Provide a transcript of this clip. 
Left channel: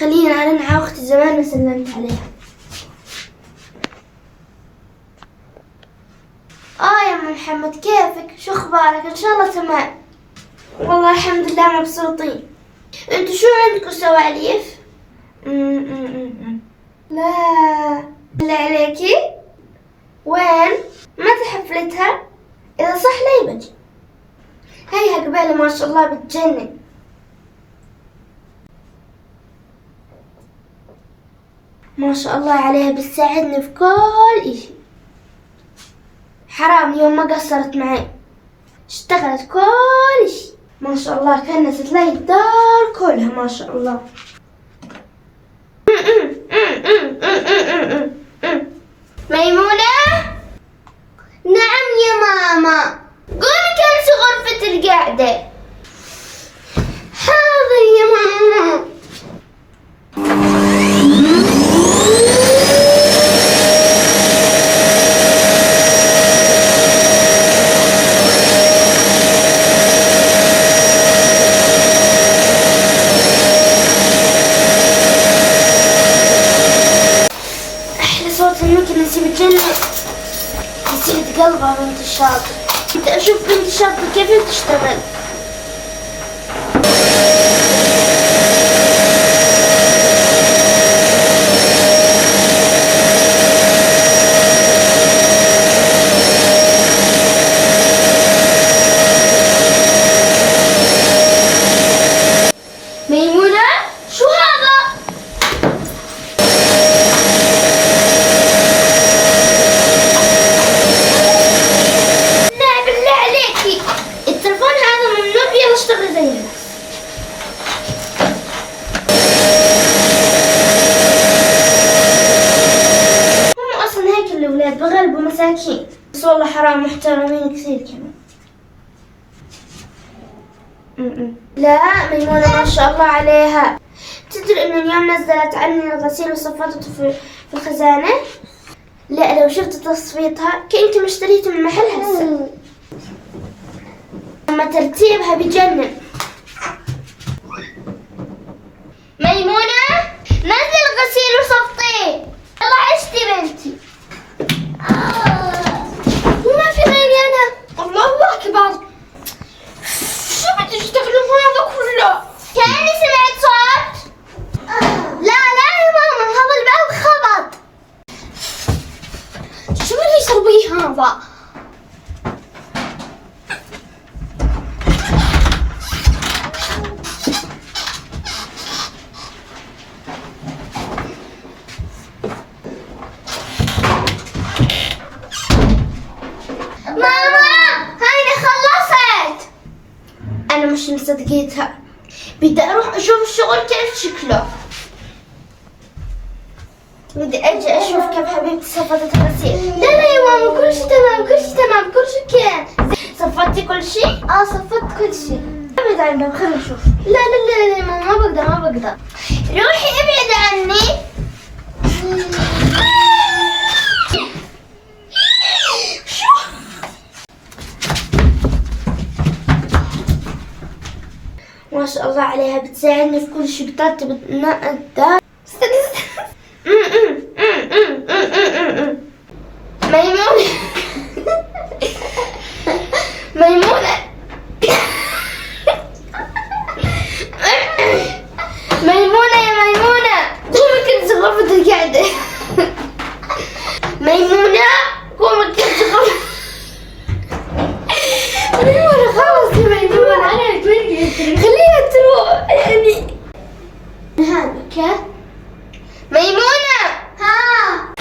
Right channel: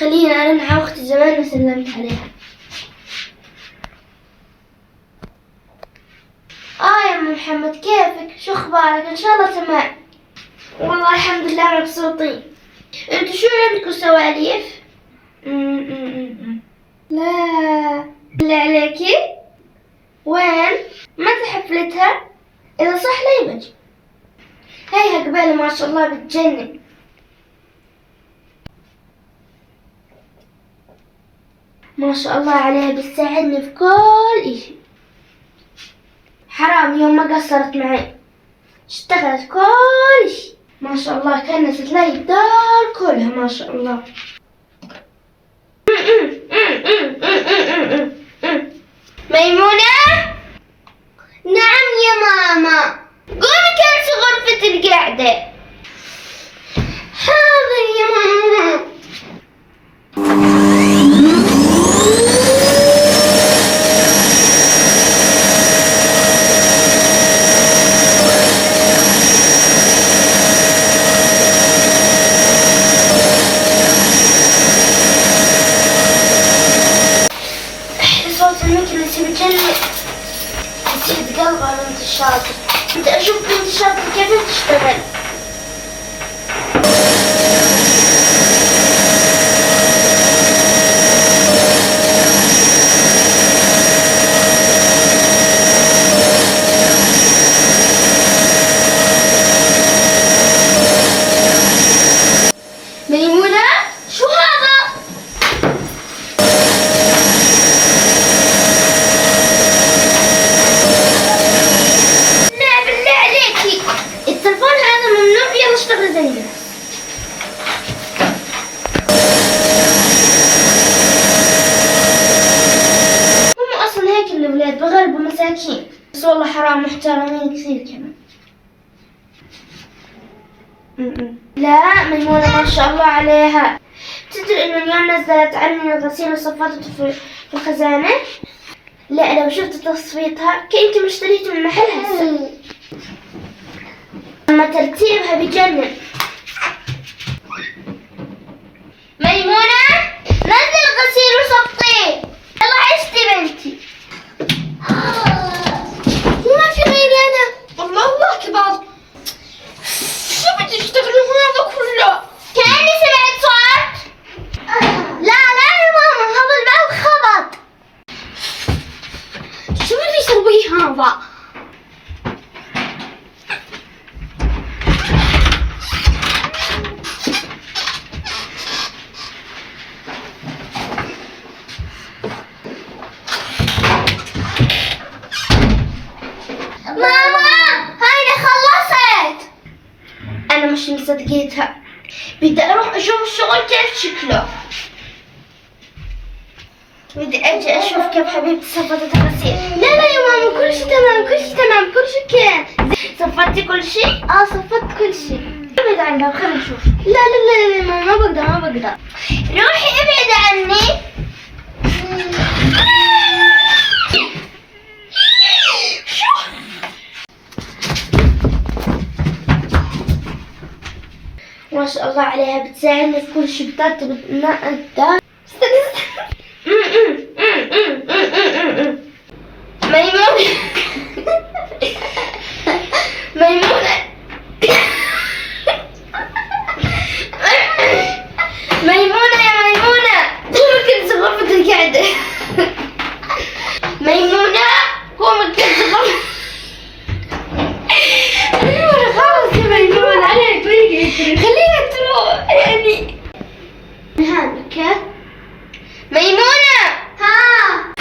خليني أرن على أختي زمان ما سلمت عليها. يا أم محمد كيفك؟ شو أخبارك؟ إن شاء الله تمام. والله الحمد لله مبسوطين. أنتوا شو عندكم سواليف؟ لا عليكي؟ وين؟ متى حفلتها؟ إذا صح لي بجي. هيها قبالة ما شاء الله بتجنن. ما شاء الله عليها بتساعدني في كل إشي. حرام يوم ما قصرت معي، اشتغلت كل شي ما شاء الله، كنست لي الدار كلها ما شاء الله. ميمونة؟ نعم يا ماما. قومي كنسي غرفة القعدة. حاضر يا ماما. صوت الميكي اللي يصير بتجنن، يصير تقلبها بنت الشاطر. بدي أشوف بنت الشاطر كيف تشتغل. ميمونة شو هذا؟ التلفون هذا ممنوع، يلا اشتغل زينا. هم اصلا هيك الاولاد بغلبوا مساكين، بس والله حرام محترمين كثير كمان. لا ميمونة ما شاء الله عليها. تدري انه اليوم نزلت عني الغسيل وصفته في الخزانة؟ لا لو شفت تصفيتها كأنت مشتريته من محل هسه. أما ترتيبها بجنن. ميمونة نزل الغسيل وصفطيه. يلا عشتي بنتي. وما في غيري أنا. الله أكبر. شو بدي تشتغلوا هذا كله؟ كأني سمعت صوت. لا يا ماما هذا الباب خبط. شو بدي يسوي هذا؟ أنا مش مصدقيتها، بدي أروح أشوف الشغل كيف شكله. بدي أجي أشوف كيف حبيبتي صفطت الغسيل. لا يا ماما كل شيء تمام، كل شيء تمام، كل شيء كان. صفطتي كل شيء؟ صفطت كل شيء. ابعد عن الباب خلينا نشوف. لا يا ماما ما بقدر. روحي ابعد عني. ما شاء الله عليها بتساعدني في كل شيء، بترتب الدار. ميمونة ميمونة ميمونة يا ميمونة قومي كنسي غرفة القعدة. ميمونة قومي كنسي غرفة. ميمونة خلاص يا ميمونة خليها تروح يعني. هانك ميمونة. ها